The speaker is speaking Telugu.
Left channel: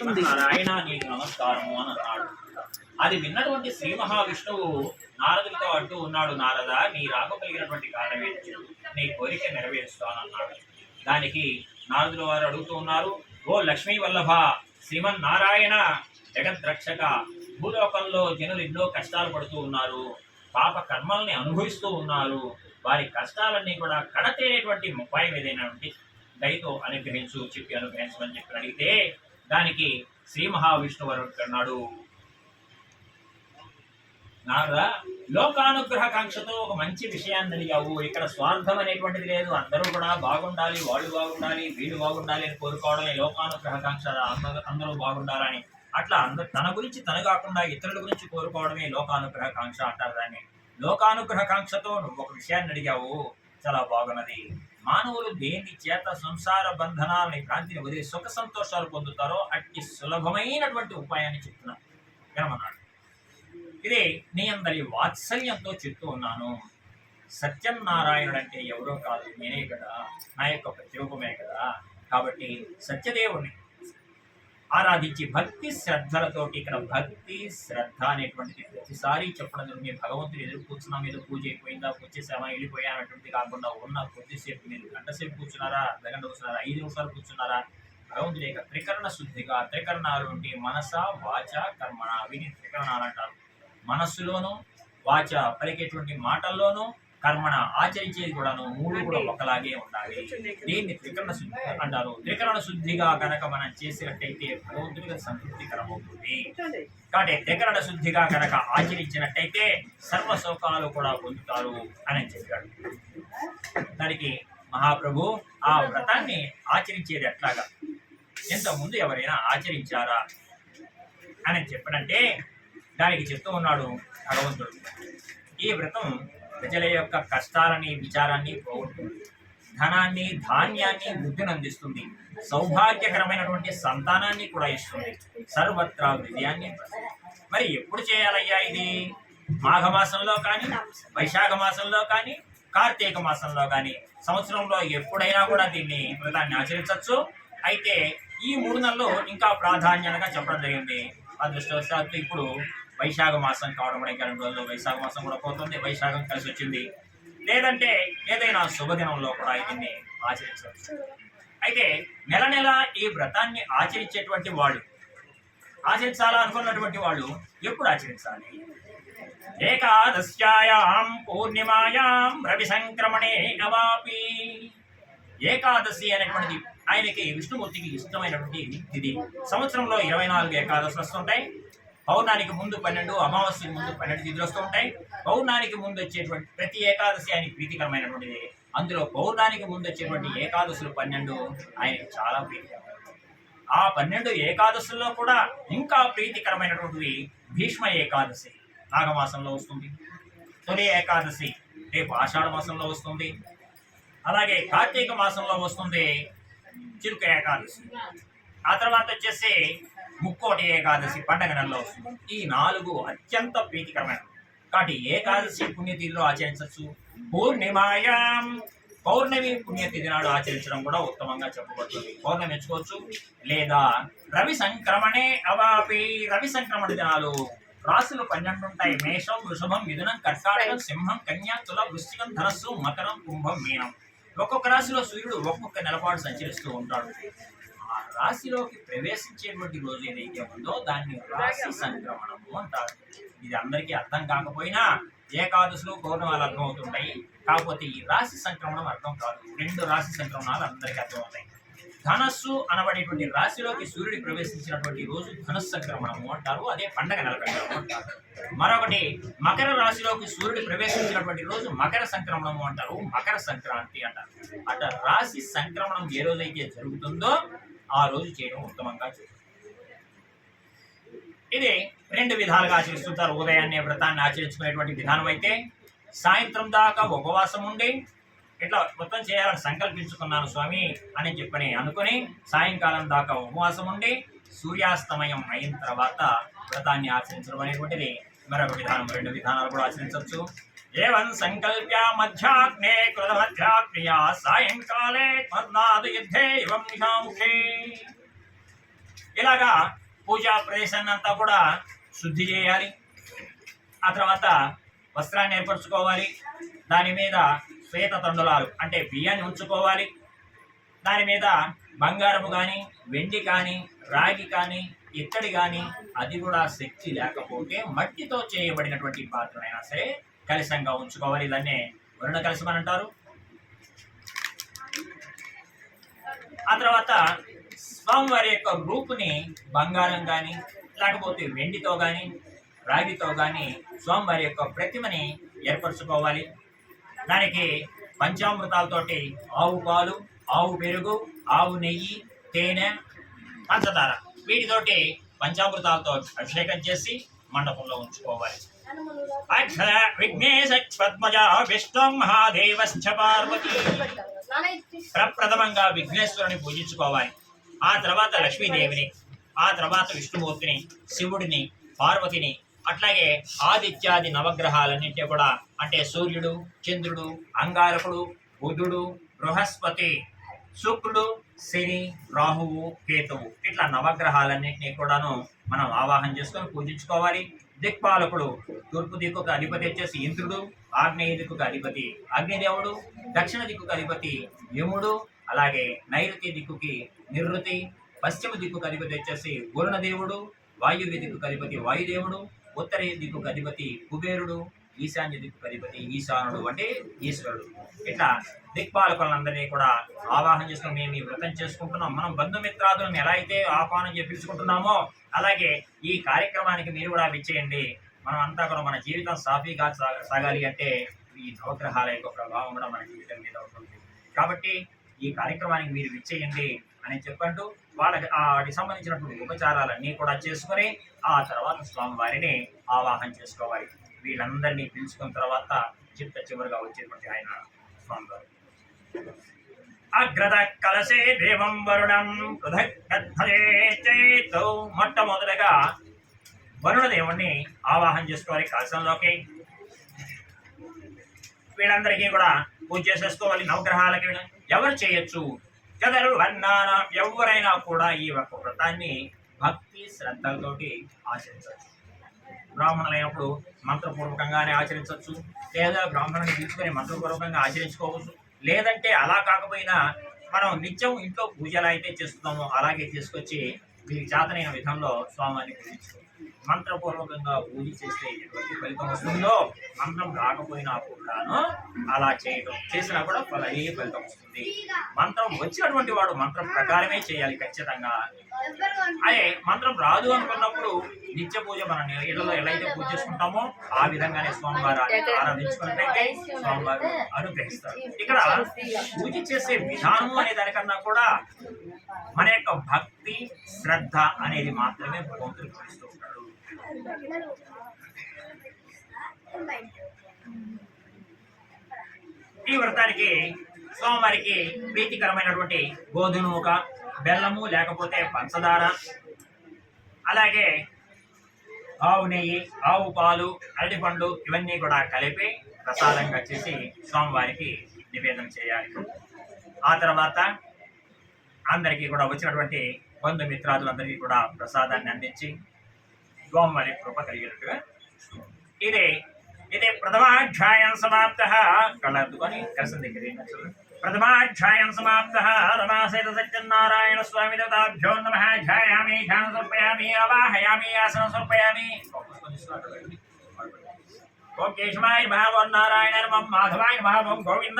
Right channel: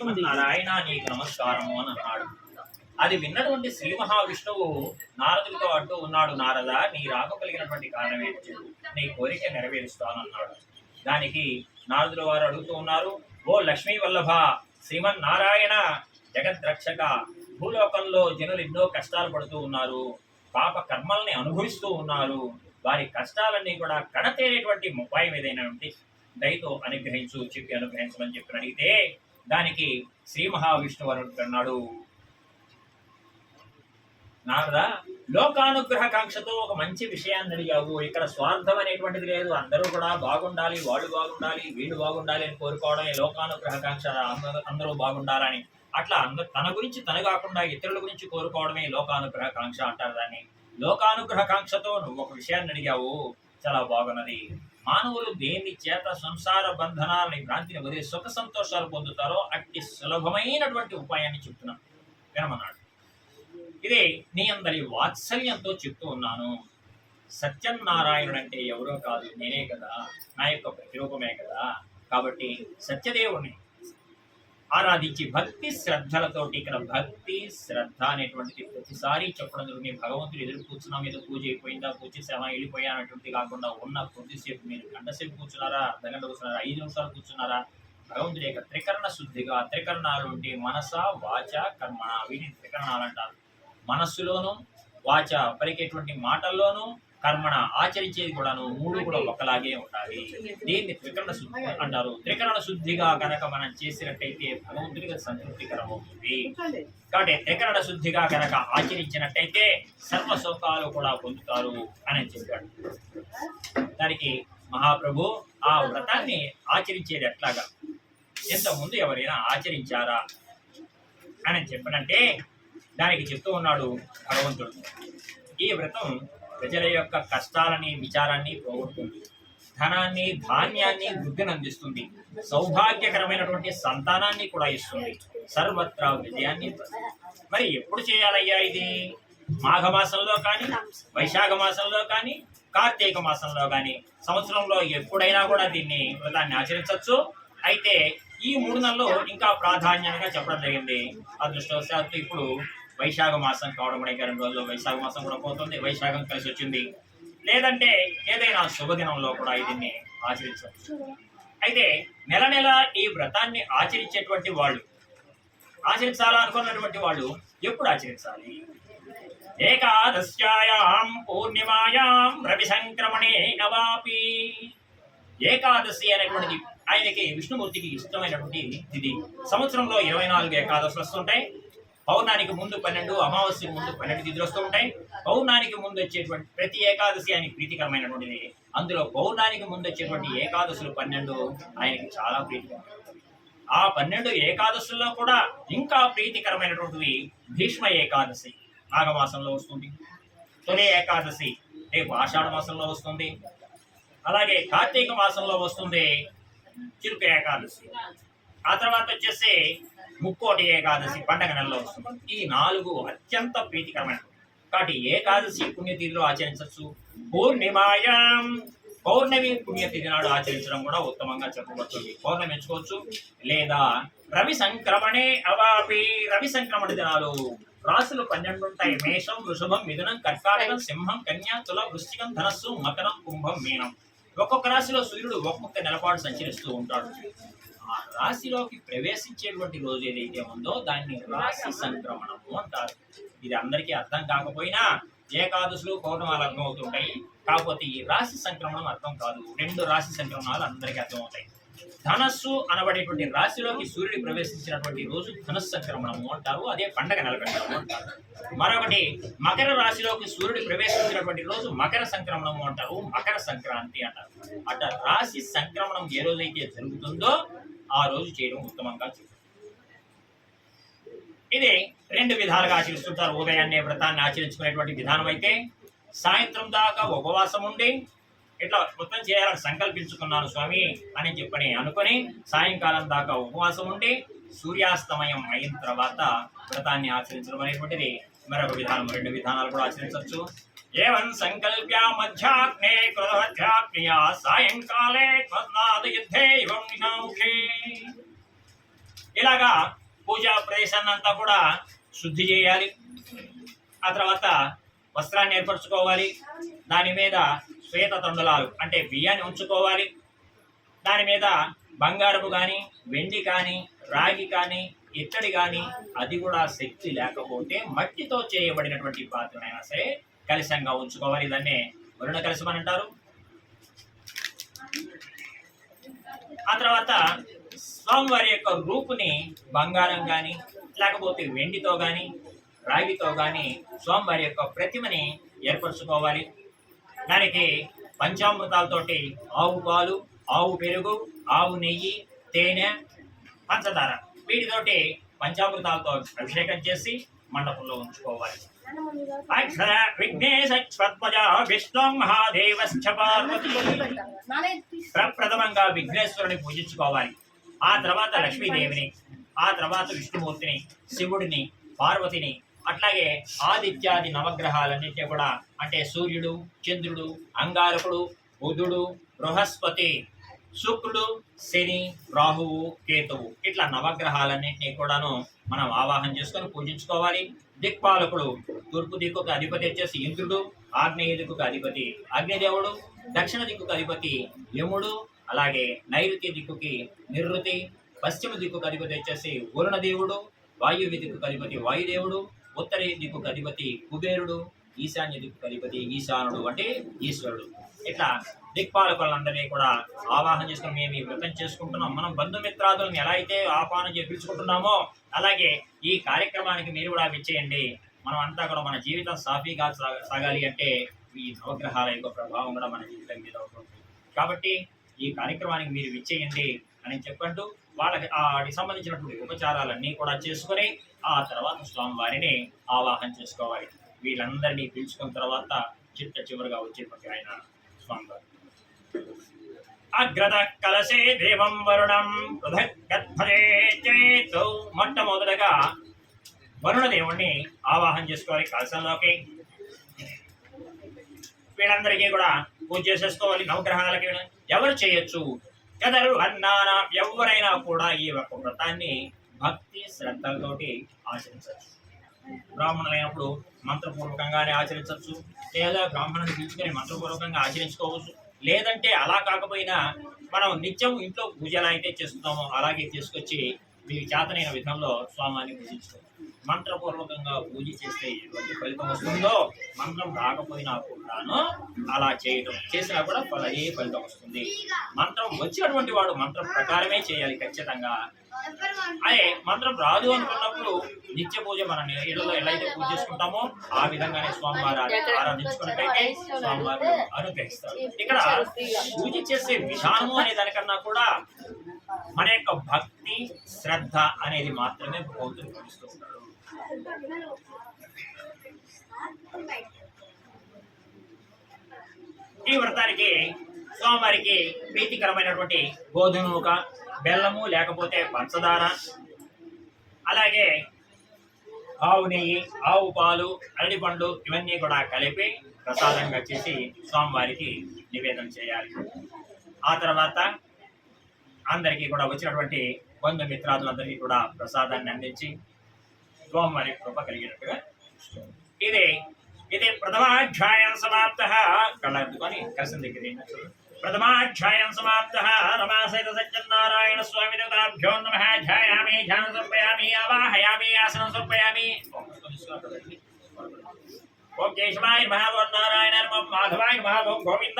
నారాయణ నీకు నమస్కారము అని అన్నాడు. అది విన్నటువంటి శ్రీ మహావిష్ణువు నారదులతో అంటూ ఉన్నాడు నారద నీ రాక కలిగినటువంటి కారణం ఏంటి? నీ కోరిక నెరవేరుస్తానన్నాడు దానికి నారదుల వారు అడుగుతూ ఉన్నారు ఓ లక్ష్మీ వల్లభ శ్రీమన్ నారాయణ జగద్రక్షక భూలోకంలో జనులు ఎన్నో కష్టాలు పడుతూ ఉన్నారు పాప కర్మల్ని అనుభవిస్తూ ఉన్నారు వారి కష్టాలన్నీ కూడా కడతేరేటువంటి ఉపాయం ఏదైనా ఉంటే దయతో అనుగ్రహించు చెప్పి అనుగ్రహించమని చెప్పి అడిగితే దానికి శ్రీ మహావిష్ణువు అన్నాడు. నారద లోకానుగ్రహ కాంక్షతో ఒక మంచి విషయాన్ని అడిగావు. ఇక్కడ స్వార్థం అనేటువంటిది లేదు. అందరూ కూడా బాగుండాలి వాళ్ళు బాగుండాలి వీళ్ళు బాగుండాలి అని కోరుకోవడమే లోకానుగ్రహ కాంక్ష అందరూ- బాగుండాలని. అట్లా అందరు తన గురించి తను కాకుండా ఇతరుల గురించి కోరుకోవడమే లోకానుగ్రహ కాంక్ష అంటారు దాన్ని. లోకానుగ్రహ కాంక్షతో నువ్వు ఒక విషయాన్ని అడిగావు. చాలా బాగున్నది. మానవులు దేని చేత సంసార బంధనాలని భ్రాంతిని వదిలి సుఖ సంతోషాలు పొందుతారో అట్టి సులభమైనటువంటి ఉపాయాన్ని చెప్తున్నా. వినమన్నాడు. ఇదే నీ అందరి వాత్సల్యంతో చెప్తూ ఉన్నాను. సత్యనారాయణుడు అంటే ఎవరో కాదు నేనే కదా. నా యొక్క ప్రతిరూపమే కదా. కాబట్టి సత్యదేవుని ఆరాధించి భక్తి శ్రద్ధలతోటి ఇక్కడ భక్తి శ్రద్ధ అనేటువంటిది ప్రతిసారి చెప్పడం జరుగుతుంది భగవంతుడు ఎదురు కూర్చున్నాం ఏదో పూజ అయిపోయిందా పూజ చేసామా వెళ్ళిపోయా అనేటువంటిది కాకుండా ఉన్న కొద్దిసేపు మీరు గంట సేపు కూర్చున్నారా అర్ధగంట కూర్చున్నారా ఐదు నిమిషాలు కూర్చున్నారా? భగవంతుడి యొక్క త్రికరణ శుద్ధిగా త్రికరణాలు ఉంటే మనస వాచ కర్మణ వీటిని త్రికరణాలు అంటారు. మనస్సులోనూ వాచ పలికేటువంటి మాటల్లోనూ కర్మణ ఆచరించేది కూడాను మూడు కూడా ఒకలాగే ఉండాలి. దీన్ని త్రికరణ శుద్ధి అంటారు. త్రికరణ శుద్ధిగా కనుక మనం చేసినట్టయితే భగవంతుడికి సంతృప్తికరం అవుతుంది కాబట్టి త్రికరణ శుద్ధిగా కనుక ఆచరించినట్టయితే సర్వ కూడా పొందుతారు అని చెప్పాడు. దానికి మహాప్రభు ఆ వ్రతాన్ని ఆచరించేది ఎట్లాగా? ఇంతకుముందు ఎవరైనా ఆచరించారా? అని చెప్పనంటే దానికి చెప్తూ ఉన్నాడు భగవంతుడు. ఈ వ్రతం ప్రజల యొక్క కష్టాలని విచారాన్ని పోగొడుతుంది ధనాన్ని ధాన్యాన్ని వృద్ధిని అందిస్తుంది సౌభాగ్యకరమైనటువంటి సంతానాన్ని కూడా ఇస్తుంది. సర్వత్రా విజయాన్ని మరి ఎప్పుడు చేయాలయ్యా ఇది? మాఘమాసంలో కానీ వైశాఖ మాసంలో కానీ కార్తీక మాసంలో కానీ? సంవత్సరంలో ఎప్పుడైనా కూడా దీన్ని వ్రతాన్ని ఆచరించవచ్చు. అయితే ఈ మూడు నెలలు ఇంకా ప్రాధాన్యంగా చెప్పడం జరిగింది. అదృష్టవశాత్తు ఇప్పుడు వైశాఖ మాసం కావడం కూడా ఇంకా రెండు రోజుల్లో వైశాఖ మాసం కూడా పోతుంది వైశాఖం కలిసి వచ్చింది. లేదంటే ఏదైనా శుభదినంలో కూడా దీన్ని ఆచరించవచ్చు. అయితే నెల నెల ఈ వ్రతాన్ని ఆచరించేటువంటి వాళ్ళు ఆచరించాలా అనుకున్నటువంటి వాళ్ళు ఎప్పుడు ఆచరించాలి? ఏకాదశ్యాయాం పూర్ణిమాయాం రవి సంక్రమణే నవాపి. ఏకాదశి అనేటువంటిది ఆయనకి విష్ణుమూర్తికి ఇష్టమైనటువంటి ఇది సంవత్సరంలో ఇరవై నాలుగు ఏకాదశులు వస్తుంటాయి. పౌర్ణానికి ముందు పన్నెండు అమావాస్యకు ముందు పన్నెండు తిథులు వస్తూ ఉంటాయి. పౌర్ణానికి ముందు వచ్చేటువంటి ప్రతి ఏకాదశి ఆయనకి ప్రీతికరమైనటువంటిది. అందులో పౌర్ణానికి ముందు వచ్చేటువంటి ఏకాదశులు పన్నెండు ఆయనకి చాలా ప్రీతికరమైనవి ఆ పన్నెండు ఏకాదశుల్లో కూడా ఇంకా ప్రీతికరమైనటువంటివి భీష్మ ఏకాదశి నాగమాసంలో వస్తుంది. తొలి ఏకాదశి రేపు ఆషాఢ మాసంలో వస్తుంది. అలాగే కార్తీక మాసంలో వస్తుంది చిరుక ఏకాదశి. ఆ తర్వాత వచ్చేసి ముక్కోటి ఏకాదశి పండగ నెలలో వస్తుంది. ఈ నాలుగు అత్యంత ప్రీతికరమైన కాబట్టి ఏకాదశి పుణ్యతిథిలో ఆచరించవచ్చు. పూర్ణిమాయాం పౌర్ణమి పుణ్యతిథి నాడు ఆచరించడం కూడా ఉత్తమంగా చెప్పబడుతుంది. పౌర్ణమి ఎంచుకోవచ్చు. లేదా రవి సంక్రమణే అవాపి రవి సంక్రమణ దినాలు. రాశులు పన్నెండు ఉంటాయి. మేషం వృషభం మిథునం కర్కాటకం సింహం కన్యా తుల వృశ్చికం ధనస్సు మకరం కుంభం మీనం. ఒక్కొక్క రాశిలో సూర్యుడు ఒక్కొక్క నెలపాటు సంచరిస్తూ ఉంటాడు. ఆ రాశిలోకి ప్రవేశించేటువంటి రోజు ఏదైతే ఉందో దాన్ని రాశి సంక్రమణము అంటారు. ఇది అందరికీ అర్థం కాకపోయినా ఏకాదశులు పౌర్ణమాలు అర్థం అవుతుంటాయి కాకపోతే ఈ రాశి సంక్రమణం అర్థం కాదు. రెండు రాశి సంక్రమణాలు అందరికీ అర్థమవుతాయి. ధనస్సు అనబడేటువంటి రాశిలోకి సూర్యుడు ప్రవేశించినటువంటి రోజు ధనస్సు సంక్రమణము అంటారు. అదే పండగ నెలపెట్టడము అంటారు మరొకటి మకర రాశిలోకి సూర్యుడు ప్రవేశించినటువంటి రోజు మకర సంక్రమణము అంటారు. మకర సంక్రాంతి అంటారు. అట రాశి సంక్రమణం ఏ రోజైతే జరుగుతుందో ఆ రోజు చేయడం ఉత్తమంగా ఇది రెండు విధాలుగా ఆచరిస్తుంటారు. ఉదయాన్నే వ్రతాన్ని ఆచరించుకునేటువంటి విధానం అయితే సాయంత్రం దాకా ఉపవాసం ఉండి ఇట్లా మొత్తం చేయాలని సంకల్పించుకున్నాను స్వామి అని చెప్పని అనుకుని సాయంకాలం దాకా ఉపవాసం ఉండి సూర్యాస్తమయం అయిన తర్వాత వ్రతాన్ని ఆచరించడం అనేటువంటిది మరొక విధానం. రెండు విధానాలు కూడా ఆచరించవచ్చు. ఏవం సంకల్ప్య మధ్యాగ్నే కృతమధ్యాగ్నియా సాయంకాలే పద్నాద యుద్ధే ఇవం నిషాముఖే. ఇలాగా పూజా ప్రదేశాన్ని అంతా కూడా శుద్ధి చేయాలి. ఆ తర్వాత వస్త్రాన్ని ఏర్పరచుకోవాలి. దాని మీద శ్వేత తండులాలు అంటే బియ్యాన్ని ఉంచుకోవాలి. దాని మీద బంగారము కానీ వెండి కానీ రాగి కానీ ఇత్తడి కానీ అది కూడా శక్తి లేకపోతే మట్టితో చేయబడినటువంటి పాత్రనైనా సరే కలిసంగా ఉంచుకోవాలి. ఇదన్నీ వరుణ కలశం అని అంటారు. ఆ తర్వాత స్వామివారి యొక్క రూపుని బంగారం కానీ లేకపోతే వెండితో కానీ రాగితో కానీ స్వామివారి యొక్క ప్రతిమని ఏర్పరచుకోవాలి. దానికి పంచామృతాలతోటి ఆవు పాలు ఆవు పెరుగు ఆవు నెయ్యి తేనె పంచదార వీటితోటి పంచామృతాలతో అభిషేకం చేసి మండపంలో ఉంచుకోవాలి. అక్షర విఘ్నేశ పద్మజ విష్ణు మహాదేవశ్చ పార్వతి ప్రప్రథమంగా విఘ్నేశ్వరుని పూజించుకోవాలి. ఆ తర్వాత లక్ష్మీదేవిని ఆ తర్వాత విష్ణుమూర్తిని శివుడిని పార్వతిని అట్లాగే ఆదిత్యాది నవగ్రహాలన్నింటినీ కూడా అంటే సూర్యుడు చంద్రుడు అంగారకుడు బుధుడు బృహస్పతి శుక్రుడు శని రాహువు కేతువు ఇట్లా నవగ్రహాలన్నింటినీ కూడాను మనం ఆవాహన చేసుకొని పూజించుకోవాలి. దిక్పాలకుడు తూర్పు దిక్కుకు అధిపతి వచ్చేసి ఇంద్రుడు ఆగ్నేయ దిక్కుకు అధిపతి అగ్నిదేవుడు దక్షిణ దిక్కుకు అధిపతి యముడు అలాగే నైరుతి దిక్కుకి నివృతి పశ్చిమ దిక్కుకు అధిపతి వచ్చేసి వరుణదేవుడు వాయువ్య దిక్కుకు అధిపతి వాయుదేవుడు ఉత్తర దిక్కుకు అధిపతి కుబేరుడు ఈశాన్య దిక్కుకు అధిపతి ఈశానుడు అంటే ఈశ్వరుడు. ఇట్లా దిక్పాలకులందరినీ కూడా ఆవాహన చేసుకుని మేము ఈ వ్రతం చేసుకుంటున్నాం. మనం బంధుమిత్రాదులను ఎలా అయితే ఆహ్వానం చేసి పిలుచుకుంటున్నామో అలాగే ఈ కార్యక్రమానికి మీరు కూడా విచ్చేయండి. మనం అంతా కూడా మన జీవితం సాఫీగా సాగాలి అంటే ఈ నవగ్రహాల యొక్క ప్రభావం కూడా మన జీవితం మీద ఉంటుంది. కాబట్టి ఈ కార్యక్రమానికి మీరు విచ్చేయండి అని చెప్పంటూ వాళ్ళకి వాటికి సంబంధించినటువంటి ఉపచారాలన్నీ కూడా చేసుకొని ఆ తర్వాత స్వామివారిని ఆవాహన చేసుకోవాలి. వీళ్ళందరినీ పిలుచుకున్న తర్వాత చిత్త చివరిగా వచ్చేటువంటి ఆయన స్వామివారు. అగ్రద కలసే దేవం వరుణం పృథగ్గధ్వజే మొట్టమొదటగా వరుణ దేవుణ్ణి ఆవాహన చేసుకోవాలి కలశంలోకి. వీళ్ళందరికీ కూడా పూజ చేసేసుకోవాలి నవగ్రహాలకి ఎవరు చేయొచ్చు? కదరు అన్నాన ఎవరైనా కూడా ఈ యొక్క వ్రతాన్ని భక్తి శ్రద్ధలతోటి ఆచరించవచ్చు. బ్రాహ్మణులైనప్పుడు మంత్రపూర్వకంగానే ఆచరించవచ్చు. లేదా బ్రాహ్మణుని పిలుచుకొని మంత్రపూర్వకంగా ఆచరించుకోవచ్చు. లేదంటే అలా కాకపోయినా మనం నిత్యం ఇంట్లో పూజలు అయితే చేస్తున్నామో అలాగే తీసుకొచ్చి మీకు చేతనైన విధంలో స్వామిని పూజించుకోవచ్చు. మంత్రపూర్వకంగా పూజ చేస్తే ఎటువంటి ఫలితం వస్తుందో మంత్రం రాకపోయినా కూడాను అలా చేయటం చేసినా కూడా ఫల అదే ఫలితం వస్తుంది. మంత్రం వచ్చినటువంటి వాడు మంత్రం ప్రకారమే చేయాలి ఖచ్చితంగా. అదే మంత్రం రాదు అనుకున్నప్పుడు నిత్య పూజ మన ఇళ్ళలో ఎలా అయితే పూజ చేసుకుంటామో ఆ విధంగానే స్వామివారు ఆరాధించుకున్నట్టయితే స్వామివారు అనుగ్రహిస్తారు. ఇక్కడ పూజ చేసే విధానము అనే దానికన్నా కూడా మన యొక్క భక్తి శ్రద్ధ అనేది మాత్రమే భగవంతుడు గమనిస్తూ ఉంటాడు. ఈ వ్రతానికి స్వామివారికి ప్రీతికరమైనటువంటి గోధుమ నూక బెల్లము లేకపోతే పంచదార అలాగే ఆవు నెయ్యి ఆవు పాలు అరటిపండు ఇవన్నీ కూడా కలిపి ప్రసాదంగా చేసి స్వామివారికి నివేదన చేయాలి. ఆ తర్వాత అందరికీ కూడా వచ్చినటువంటి బంధుమిత్రాదులందరికీ కూడా ప్రసాదాన్ని అందించి స్వామివారి కృప కలిగినట్టుగా ఇది ఇది ప్రథమాధ్యాయం సమాప్త. కళ్ళద్దుకొని కలిసిన దగ్గర प्रथमाध्यायं समाप्तः रमासेतसज्जन्नारायणस्वामिदेवताभ्यो नमः। ध्यायामि ध्यानं समर्पयामि अवाहयामि आसनं समर्पयामि। माधवाय गोविन्द